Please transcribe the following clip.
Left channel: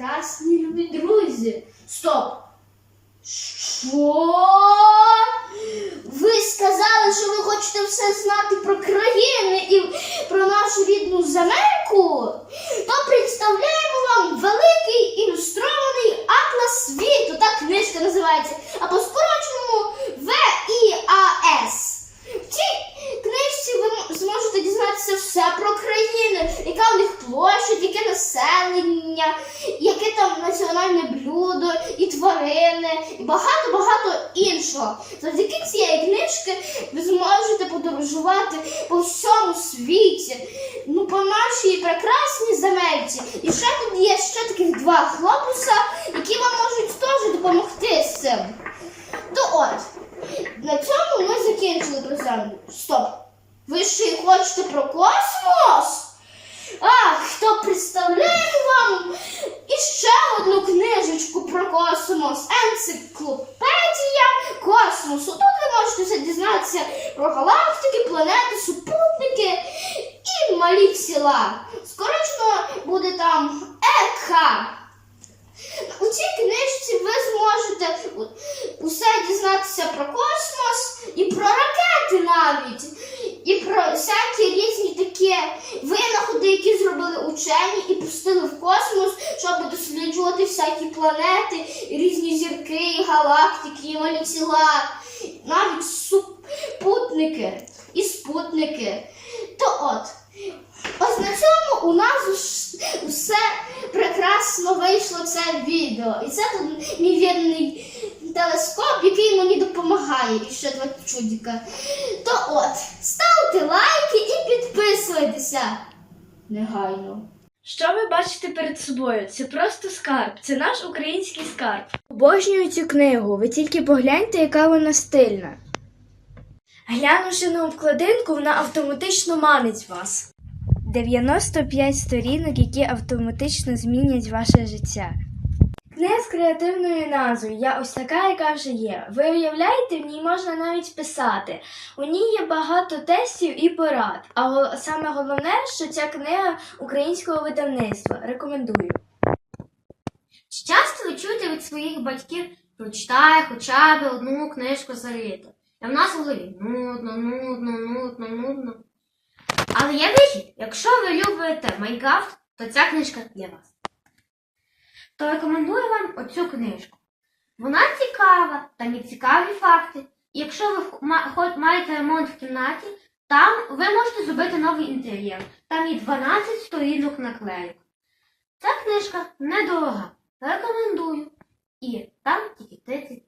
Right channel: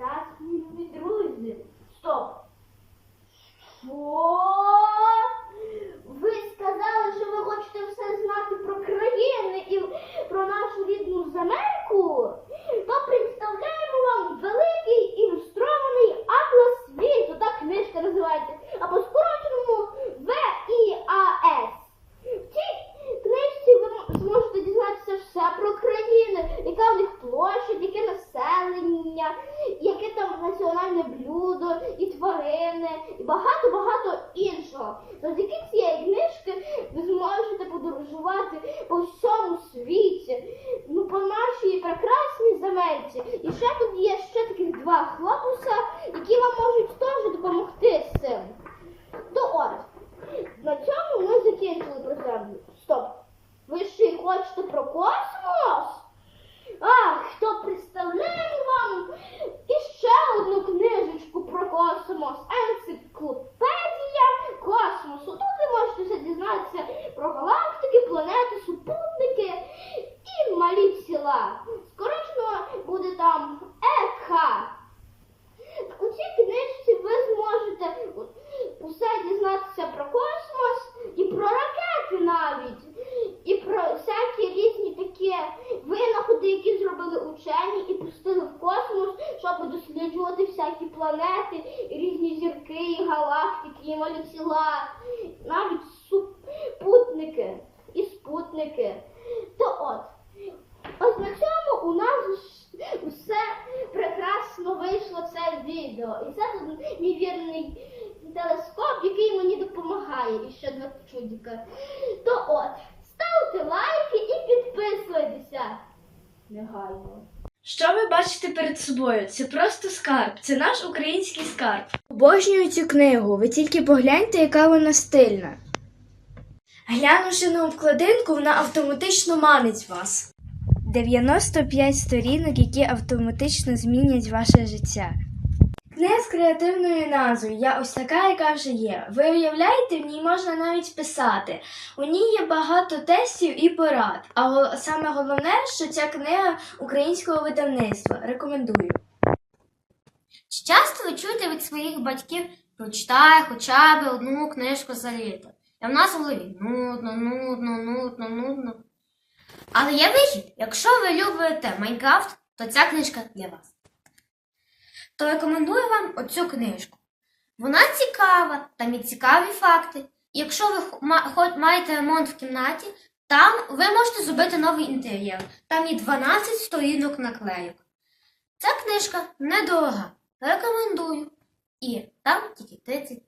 прекрасні любі друзі. Стоп! Що? Ви сказали, що ви хочете все знати про країни і про нашу рідну земельку? То представляємо вам великий ілюстрований атлас світу. Так книжка називається. А по скороченому ВІАС. В цій книжці ви м- зможете дізнатися все про країни, яка у них площадь, яке населення, яке там національне блюдо, і тварини, і багато-багато іншого. Завдяки цієї книжки ви зможете подорожувати по всьому світі, ну по нашій прекрасній земельці. І ще тут є ще таких два хлопуса, які вам можуть теж допомогти з цим. То от, на цьому ми закінчили про землю. Стоп! Ви ще й хочете про космос? Ах, то представляємо вам іще одну книжечку про космос. Енциклопедія космосу. Тут ви можете все дізнатися про галактики, планети, супутники і малі села. Скорочно буде там ЕК. У цій книжці ви зможете у- усе дізнатися про космос і про ракети навіть, і про всякі різні такі винаходи, які зробили учені і пустили в космос, щоб досліджувати всякі планети, різні зірки, галактики, і малі тіла, навіть супутники і спутники. То от. Ось на цьому у нас усе прекрасно вийшло це відео. І це тут мій вірний телескоп, який мені допомагає. І ще два чудика. То от, ставте лайки і підписуйтеся. Негайно. Що ви бачите перед собою? Це просто скарб, це наш український скарб. Обожнюю цю книгу, ви тільки погляньте, яка вона стильна. Глянувши на обкладинку, вона автоматично манить вас. 95 сторінок, які автоматично змінять ваше життя. Книга з креативною назвою Я ось така, яка вже є. Ви уявляєте, в ній можна навіть писати. У ній є багато тестів і порад. А саме головне, що ця книга українського видавництва. Рекомендую. Чи часто ви чуєте від своїх батьків прочитай хоча б одну книжку за літо? І в нас в голові нудно, нудно, нудно, нудно. Але є вихід. Якщо ви любите Майнкрафт, то ця книжка для вас. То рекомендую вам оцю книжку. Вона цікава, там і цікаві факти. Якщо ви маєте ремонт в кімнаті, там ви можете зробити новий інтер'єр. Там є 12 сторінок наклеїк. Ця книжка недорога. Рекомендую. І там тільки 30